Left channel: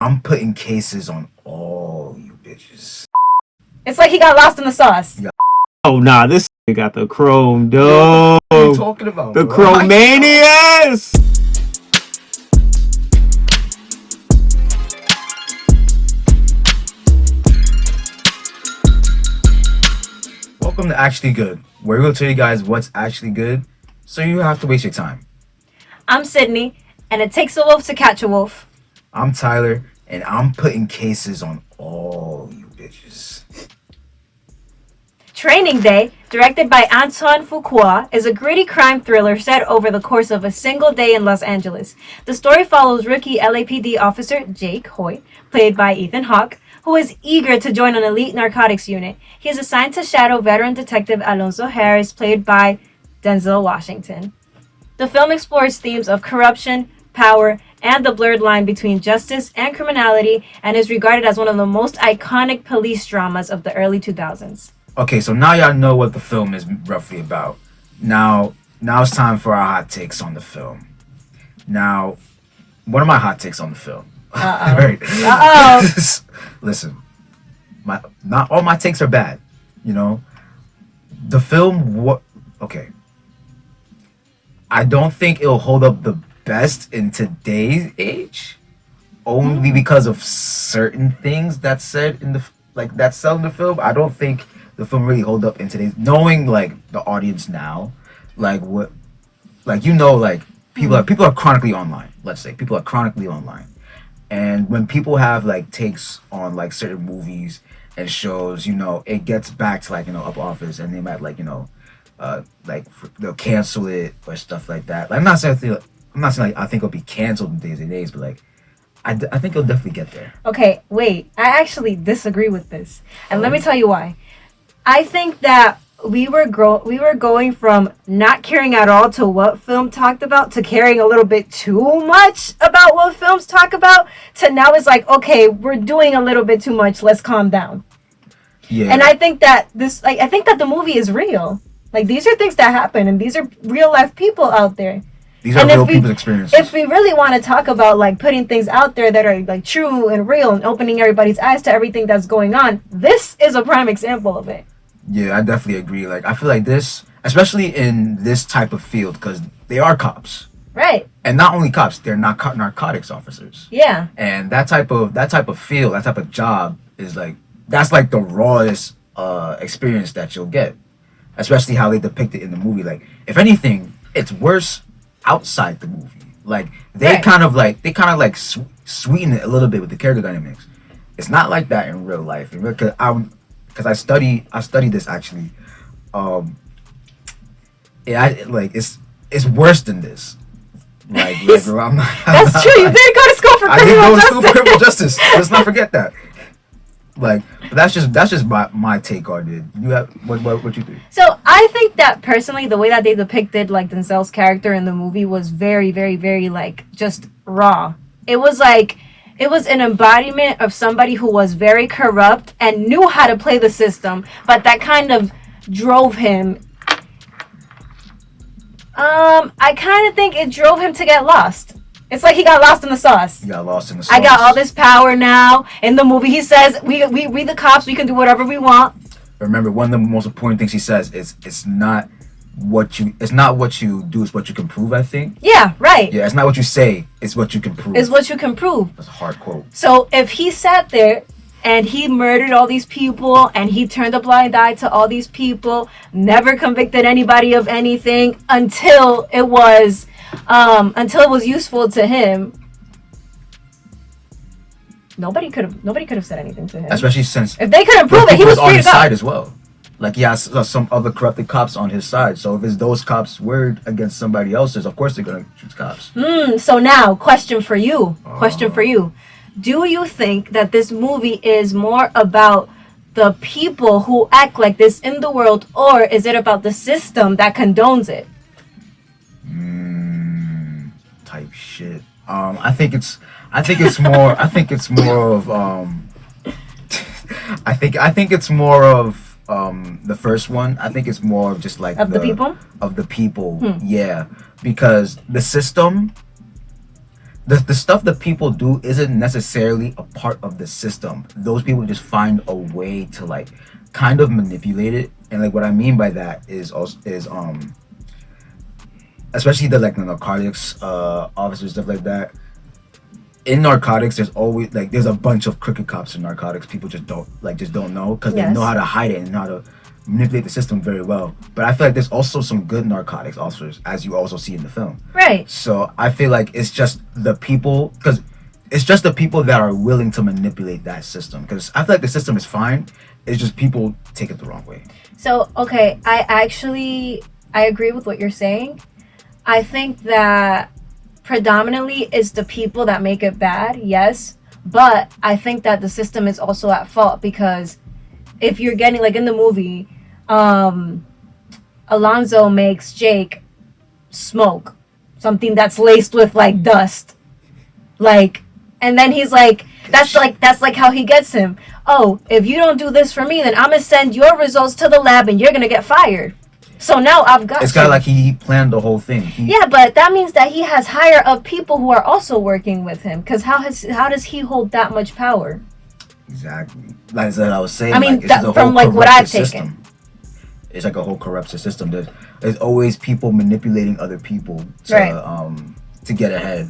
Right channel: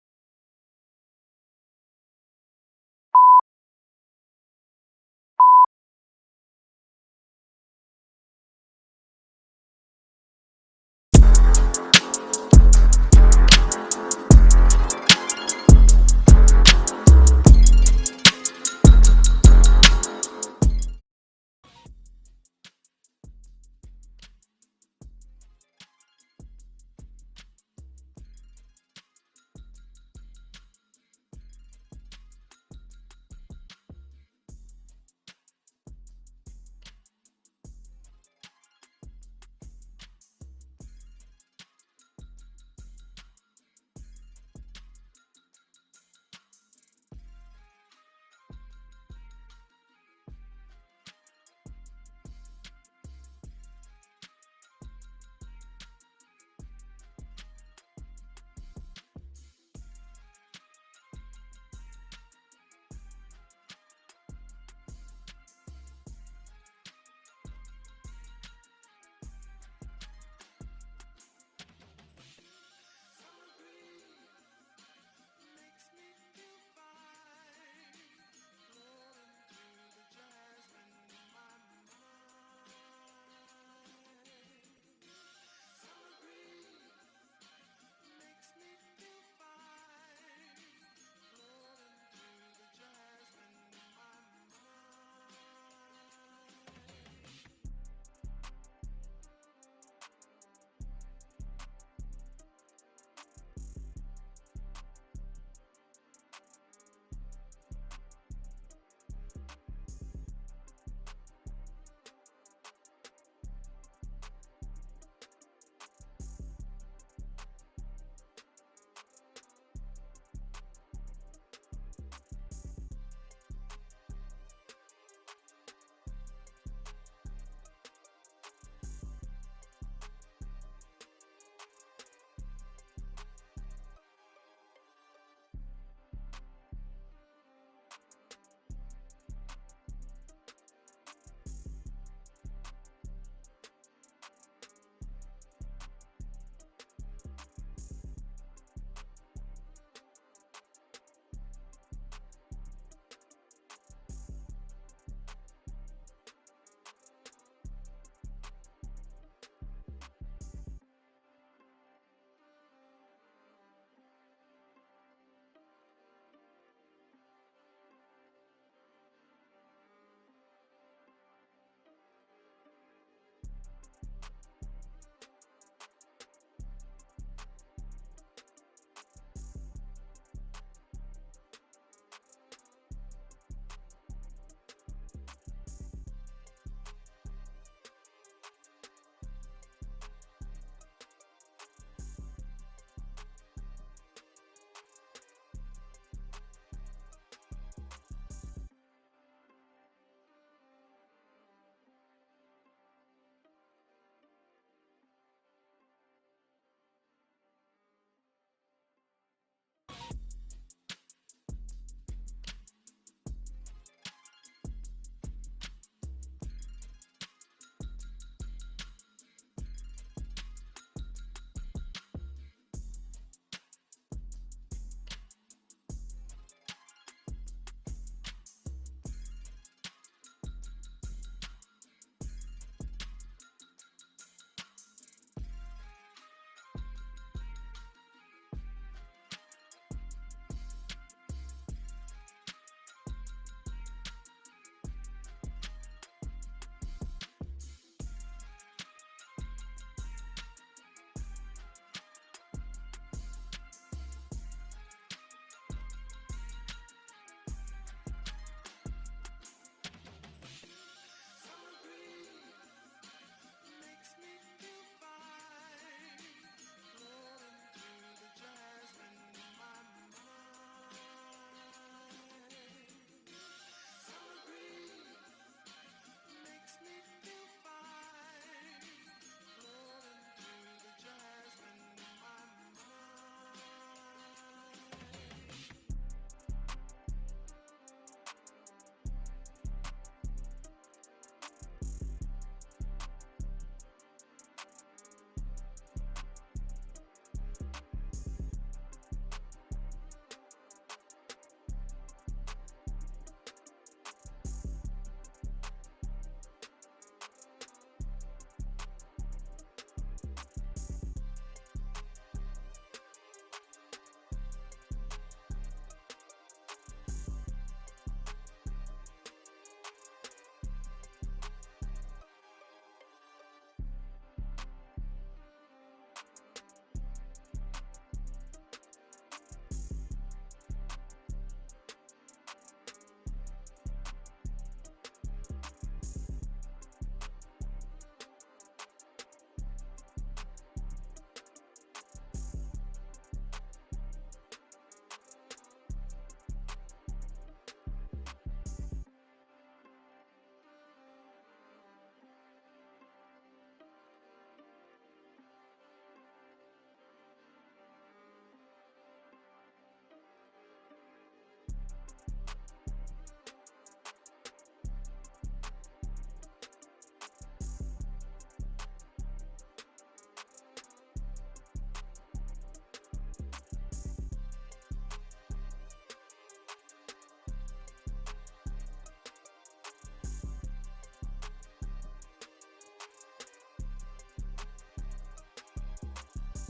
I'm putting cases on all you bitches. It's like he got lost in the sauce. Yeah. Oh nah, this got the chrome dome. What are you talking about? The bro? Chromanias. Welcome to Actually Good, where we'll tell you guys what's actually good, so you don't have to waste your time. I'm Sydney, and it takes a wolf to catch a wolf. I'm Tyler, and I'm putting cases on all you bitches. Training Day, directed by Antoine Fuqua, is a gritty crime thriller set over the course of a single day in Los Angeles. The story follows rookie LAPD officer Jake Hoyt, played by Ethan Hawke, who is eager to join an elite narcotics unit. He is assigned to shadow veteran detective Alonzo Harris, played by Denzel Washington. The film explores themes of corruption, power, and the blurred line between justice and criminality, and is regarded as one of the most iconic police dramas of the early 2000s. Okay, so now y'all know what the film is roughly about. Now it's time for our hot takes on the film. Now, what are my hot takes on the film? Right. Listen, not all my takes are bad. You know, the film. Okay. I don't think it'll hold up the best in today's age, only because of certain things that's said in that's said in the film. I don't think the film really hold up in today's, knowing like the audience now, people are chronically online. Let's say people are chronically online, and when people have like takes on like certain movies and shows, it gets back to up office, and they might they'll cancel it or stuff like that. Like, I'm not saying I think it'll be canceled in days and days, but like I think it'll definitely get there. Okay, wait. I actually disagree with this, and let me tell you why. I think that we were going from not caring at all to what film talked about to caring a little bit too much about what films talk about to now it's like, okay, we're doing a little bit too much. Let's calm down. Yeah. And I think that the movie is real. Like, these are things that happen, and these are real life people out there. These are real people's experiences. If we really want to talk about like putting things out there that are like true and real and opening everybody's eyes to everything that's going on, this is a prime example of it. Yeah, I definitely agree. Like, I feel like this, especially in this type of field, because they are cops. Right. And not only cops, they're not narcotics officers. Yeah. And that type of field, that type of job is that's like the rawest experience that you'll get. Especially how they depict it in the movie. Like, if anything, it's worse outside the movie. Like, they kind of sweeten it a little bit with the character dynamics. It's not like that in real life. Because I study this actually. It's worse than this. I'm not, that's true. You did go to school for criminal justice. Let's not forget that. But that's just my take on it. You have what you think? So I think that personally, the way that they depicted like Denzel's character in the movie was very, very, very just raw. It was an embodiment of somebody who was very corrupt and knew how to play the system, but that kind of drove him. I kind of think it drove him to get lost. It's like he got lost in the sauce. He got lost in the sauce. I got all this power now. In the movie, he says, we the cops, we can do whatever we want. Remember, one of the most important things he says is it's not what you do, it's what you can prove, I think. Yeah, right. Yeah, it's not what you say, it's what you can prove. It's what you can prove. That's a hard quote. So if he sat there and he murdered all these people and he turned a blind eye to all these people, never convicted anybody of anything until it was useful to him, nobody could have said anything to him. Especially since if they couldn't prove it, he was on free his to go. side as well. Like, he has some other corrupted cops on his side. So if it's those cops were against somebody else's, of course they're gonna choose cops. So now, question for you. Do you think that this movie is more about the people who act like this in the world, or is it about the system that condones it? Type shit. I think it's more of the first one. I think it's more of just like the people. Yeah, because the system the stuff that people do isn't necessarily a part of the system. Those people just find a way to like kind of manipulate it. And like what I mean by that is especially the like the narcotics officers, stuff like that. In narcotics, there's always like there's a bunch of crooked cops in narcotics. People just don't know because they know how to hide it and how to manipulate the system very well. But I feel like there's also some good narcotics officers, as you also see in the film. Right. So I feel like it's just the people, because it's just the people that are willing to manipulate that system. Because I feel like the system is fine. It's just people take it the wrong way. So okay, I agree with what you're saying. I think that predominantly is the people that make it bad, yes. But I think that the system is also at fault because if you're getting, like in the movie, Alonzo makes Jake smoke something that's laced with like dust. Like, and then he's like, that's like how he gets him. Oh, if you don't do this for me, then I'm gonna send your results to the lab and you're gonna get fired. So now I've got It's kind of like he planned the whole thing. Yeah, but that means that he has higher up people who are also working with him. Because how does he hold that much power? Exactly. Like I was saying, I mean, like, from like what I've taken. It's like a whole corrupted system. There's always people manipulating other people to get ahead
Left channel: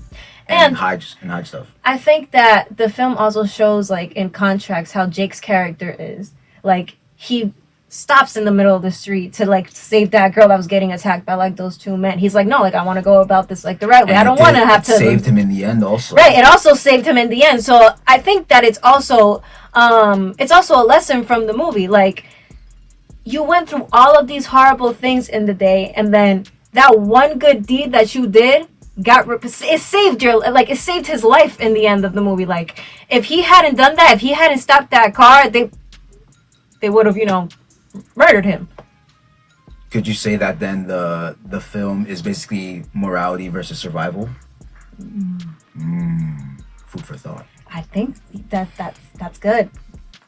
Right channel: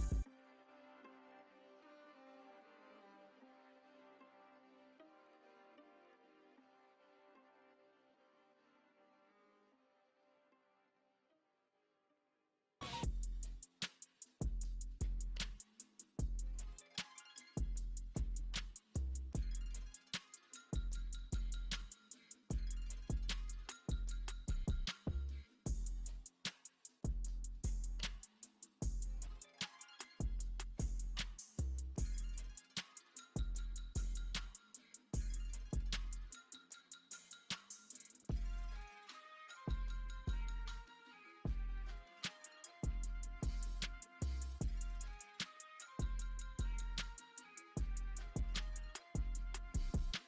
and hide stuff. I think that the film also shows, like in contracts, how Jake's character is. Like he stops in the middle of the street to like save that girl that was getting attacked by like those two men. He's like, no, like I want to go about this like the right way. I don't want to have to. Saved him in the end, also. Right. It also saved him in the end. So I think that it's also a lesson from the movie. Like you went through all of these horrible things in the day, and then that one good deed that you did it saved his life in the end of the movie. Like if he hadn't done that, if he hadn't stopped that car, they would have, murdered him. Could you say that then the film is basically morality versus survival? Food for thought. I think that's good.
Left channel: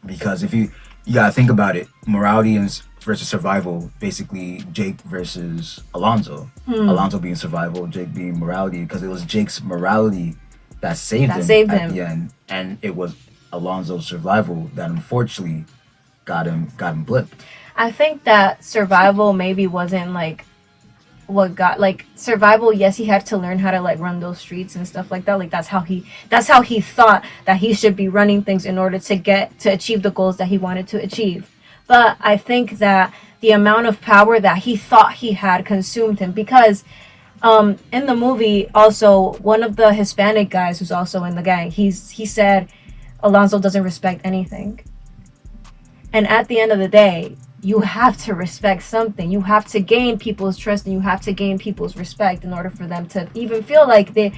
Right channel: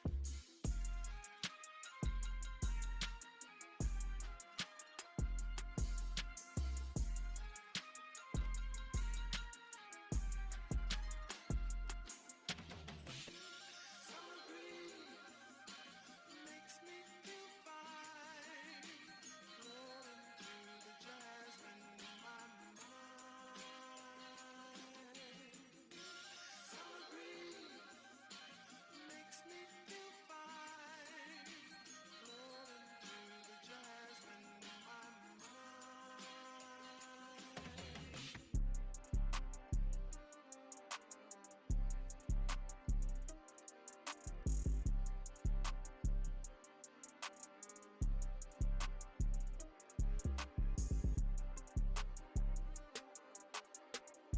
Because if you gotta think about it, morality versus survival, basically Jake versus Alonzo. Alonzo being survival, Jake being morality, because it was Jake's morality that saved him at the end, and it was Alonzo's survival that unfortunately got him blipped. I think that survival maybe wasn't like what got like survival. Yes, he had to learn how to like run those streets and stuff like that. Like that's how he thought that he should be running things in order to achieve the goals that he wanted to achieve. But I think that the amount of power that he thought he had consumed him, because in the movie also one of the Hispanic guys who's also in the gang, he said Alonzo doesn't respect anything. And at the end of the day, you have to respect something. You have to gain people's trust and you have to gain people's respect in order for them to even feel like they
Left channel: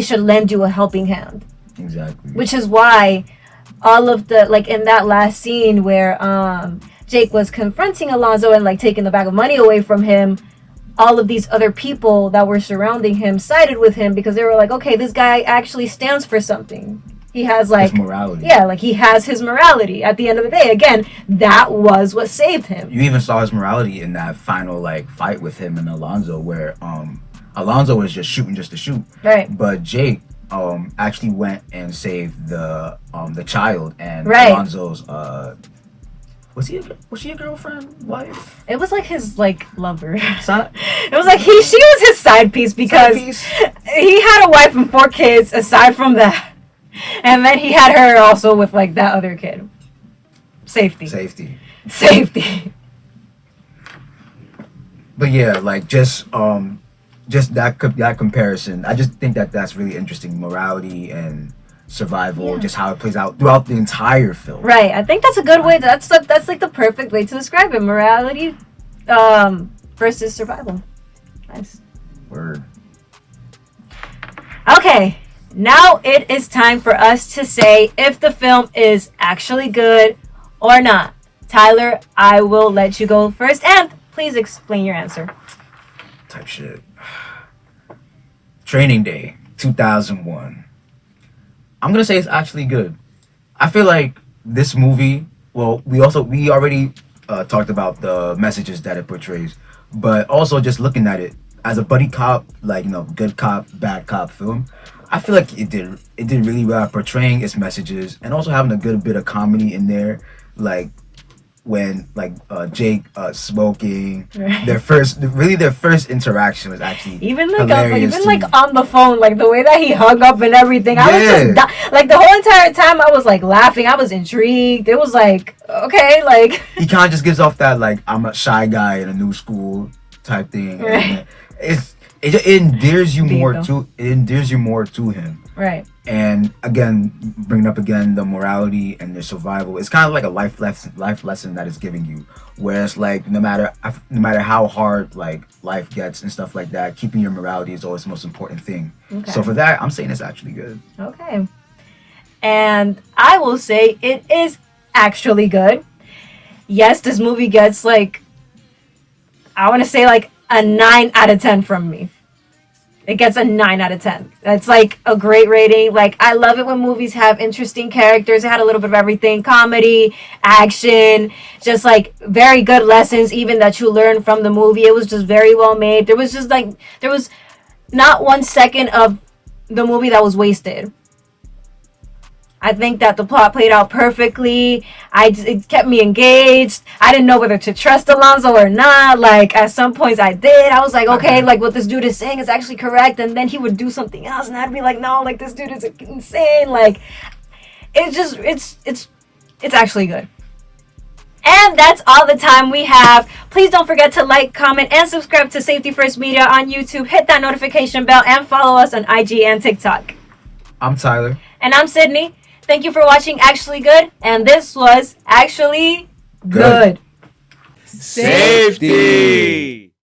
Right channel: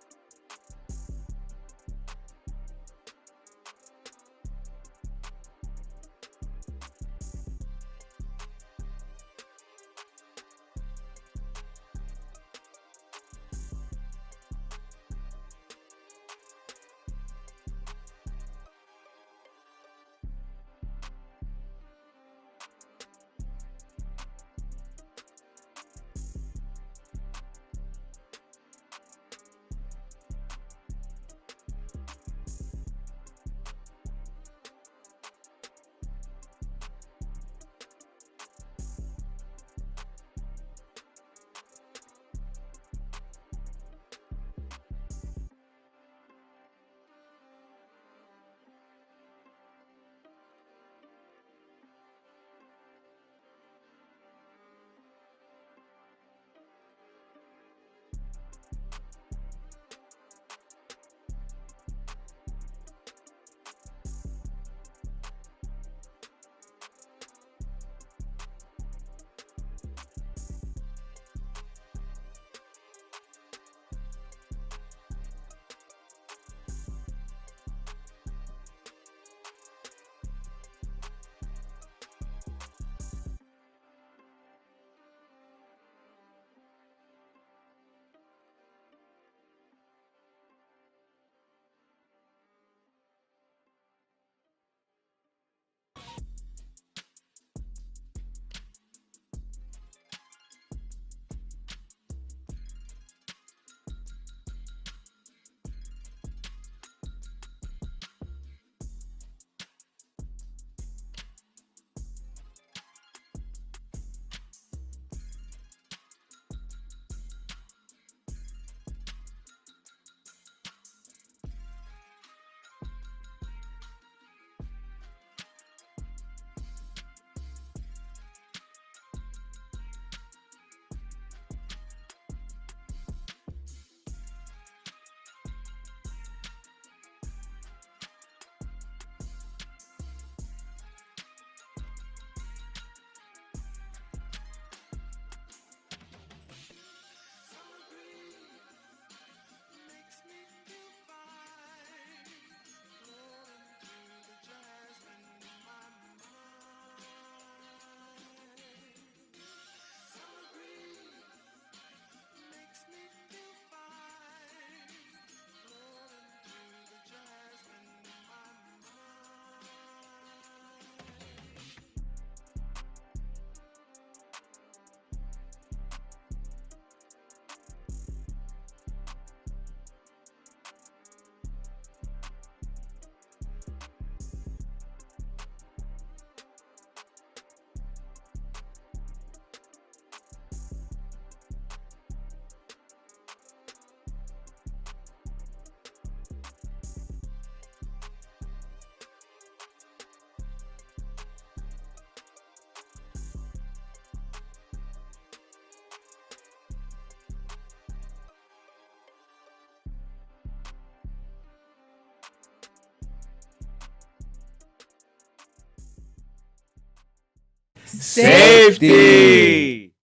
should lend you a helping hand. Exactly. Which is why all of the like in that last scene where Jake was confronting Alonzo and like taking the bag of money away from him, all of these other people that were surrounding him sided with him because they were like, okay, this guy actually stands for something. He has like his morality. Yeah, like he has his morality. At the end of the day, again, that was what saved him. You even saw his morality in that final like fight with him and Alonzo, where Alonzo was just shooting just to shoot. Right. But Jake actually went and saved the child and right. Alonzo's was she a girlfriend, wife? It was like his like lover. It was like she was his side piece because he had a wife and 4 kids aside from that. And then he had her also with like that other kid. Safety. But yeah, like just that comparison. I just think that that's really interesting. Morality and survival, just how it plays out throughout the entire film. Right. I think that's a good way. That's like the perfect way to describe it. Morality versus survival. Nice. Word. Okay. Now it is time for us to say if the film is actually good or not. Tyler, I will let you go first, and please explain your answer. Type shit. Training Day, 2001. I'm gonna say it's actually good. I feel like this movie. Well, we already talked about the messages that it portrays, but also just looking at it, as a buddy cop, like, good cop, bad cop film, I feel like it did really well at portraying its messages and also having a good bit of comedy in there, like when Jake smoking. Right. Their first interaction was actually hilarious even to like me. on the phone, like the way that he hung up and everything. I was Yeah. just like the whole entire time I was like laughing. I was intrigued. It was like okay, like He kind of just gives off that like I'm a shy guy in a new school type thing. Right. And it endears you more Bingo. to him. right. And again, bringing up again the morality and the survival, it's kind of like a life lesson that it's giving you. Whereas like no matter how hard like life gets and stuff like that, keeping your morality is always the most important thing. Okay. So for that, I'm saying it's actually good. Okay. And I will say it is actually good. Yes, this movie gets like I want to say like a 9 out of 10 from me. It gets a 9 out of 10. That's like a great rating. Like, I love it when movies have interesting characters. It had a little bit of everything. Comedy, action, just like very good lessons even that you learn from the movie. It was just very well made. There was not 1 second of the movie that was wasted. I think that the plot played out perfectly. It kept me engaged. I didn't know whether to trust Alonzo or not. Like, at some points I did. I was like, okay, like what this dude is saying is actually correct. And then he would do something else and I'd be like, no, like this dude is insane. Like, it's actually good. And that's all the time we have. Please don't forget to like, comment, and subscribe to Safety First Media on YouTube. Hit that notification bell and follow us on IG and TikTok. I'm Tyler. And I'm Sydney. Thank you for watching Actually Good. And this was Actually Good. Good. Safety!